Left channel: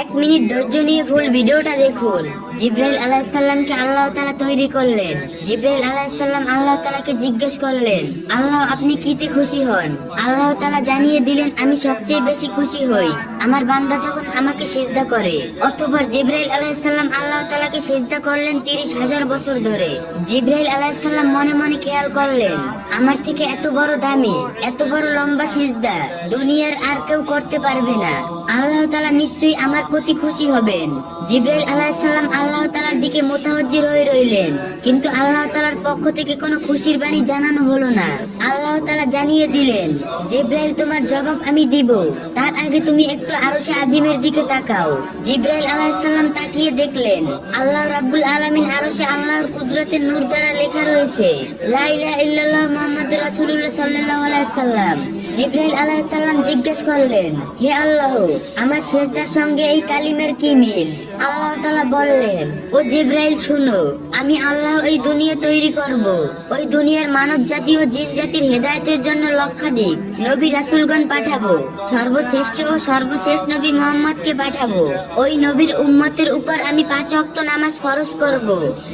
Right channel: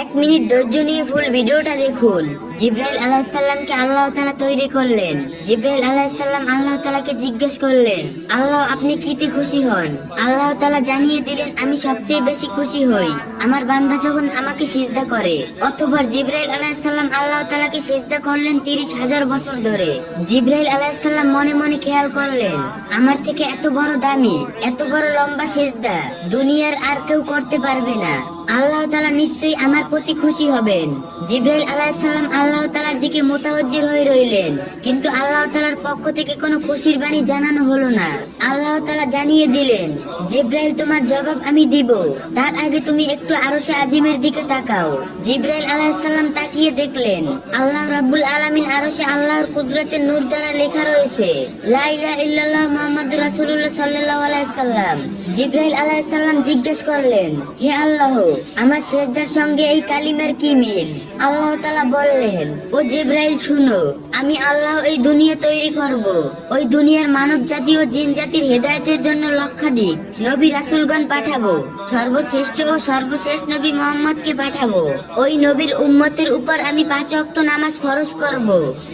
এক মিনিট ধৈর্য নিয়ে ফুল ভিডিওটা দেখুন। জিব্রাইল আলাইহিস সালামকে আল্লাহ তাআলা তৈরি করলেন। জিব্রাইল আলাইহিস সালাম আল্লাহ তাআলাকে জিজ্ঞেস করলেন, আল্লাহ আপনি কিতে খুশি হন? আল্লাহ তাআলা জানিয়ে দিলেন, আমি সবচেয়ে বেশি খুশি হই আমার বান্দা যখন আমাকে সিজদা করে। অতঃপর জিব্রাইল আলাইহিস সালাম আল্লাহ তাআলাকে সিজদা করলেন 30,000 বছর ধরে। জিব্রাইল আলাইহিস সালাম মনে মনে খেয়াল করলেন, আমার থেকে এত বড় দামি, এত বড় লম্বা সিজদা দুনিয়ার আর কেউ করতে পারবে না। আল্লাহ তাআলা নিশ্চয়ই আমার প্রতি খুশি হবেন। জিব্রাইল আলাইহিস সালাম আল্লাহ তাআলার দিকে মুতাওয়াজ্জিহ হয়ে রইলেন, কিন্তু আল্লাহ তাআলার পক্ষ থেকে কোনো খুশির বাণী জানানো হলো না। আল্লাহ তাআলা জানিয়ে দিলেন, জিব্রাইল তোমার জবাব আমি দিব, তার আগে তুমি একটু আরশে আজিমের দিকে তাকাও। জিব্রাইল আলাইহিস সালাম তাকিয়ে দেখলেন, আল্লাহ রাব্বুল আলামিন আরশে আল্লাহর কুদরতের নূর দ্বারা লেখা রয়েছে, লা ইলাহা ইল্লাল্লাহ মুহাম্মাদুর রাসূলুল্লাহ সাল্লাল্লাহু আলাইহি সাল্লাম। জিব্রাইল আলাইহিস সালাম জিজ্ঞেস করলেন, হে আল্লাহ, আমার সিজদার সঙ্গে এই কালিমের কি মিল? আল্লাহ তাআলা বললেন, ও জিব্রাইল শুনো, আমি আল্লাহ এই দুনিয়া তৈরি করব। ওই দুনিয়ার মানব জাতি ও জিন জাতির হেদায়েতের জন্য লক্ষাধিক নবী রাসূলগণ পাঠাবো। সর্বশ্রেষ্ঠ ও সর্বশেষ নবী মুহাম্মদকে পাঠাবো। ওই নবীর উম্মতের উপর আমি 5 ওয়াক্ত নামাজ ফরজ করব।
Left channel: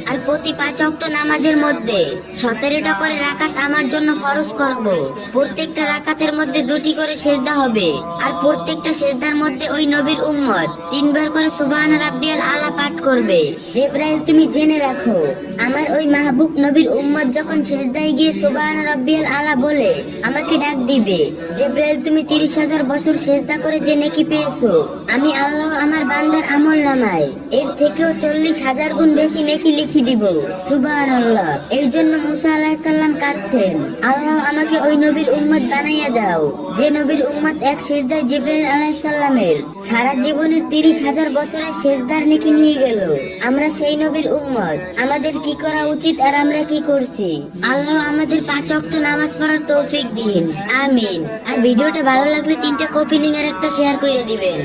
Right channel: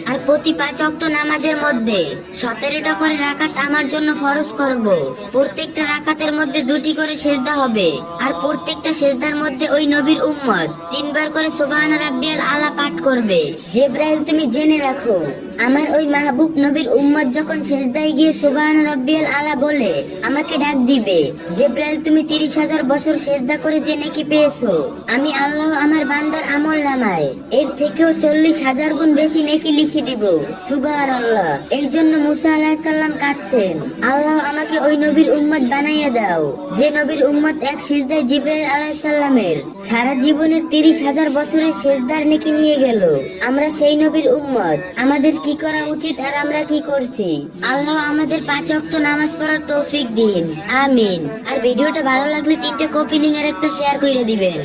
আর প্রতি 5 ওয়াক্ত নামাজের মধ্যে 17টা করে রাকাত আমার জন্য ফরজ করব। প্রত্যেকটা রাকাতের মধ্যে 2টি করে সিজদা হবে। আর প্রত্যেকটা সিজদার মধ্যে ওই নবীর উম্মত 3 বার করে সুবহান রাব্বিয়াল আলা পাঠ করবে। জিব্রাইল তুমি জেনে রাখো, আমার ওই মাহবুব নবীর উম্মত যখন সিজদায় গিয়ে সুবহান রাব্বিয়াল আলা বলে আমাকে ডাক দিবে, জিব্রাইল তুমি 30,000 বছর সিজদা করে যে নেকি পেয়েছো, আমি আল্লাহ আমার বান্দার আমল নামায় এর থেকেও 40,000 গুণ বেশি নেকি লিখে দিব। সুবহানাল্লাহ। এই জন্য মুসা আলাইহিস সালাম কাঁদছেন, আল্লাহ আমাকে ওই নবীর উম্মত বানাইয়ে দাও যে নবীর উম্মত এক সিজদায় জিব্রাইল আলাইহিস সালামের সারা জীবনের 30,000 বছরের সিজদার নেকি নিয়ে গেল। আমরা সেই নবীর উম্মত, আমাদের কি করা উচিত আর আমরা কি করছি? আল্লাহ আমাদের 5 ওয়াক্ত নামাজ পড়ার তৌফিক দিন, আমিন। আর ভিডিওটা ভালো লাগলে 3টা কপি লিংক আর একটা শেয়ার করে দিবেন।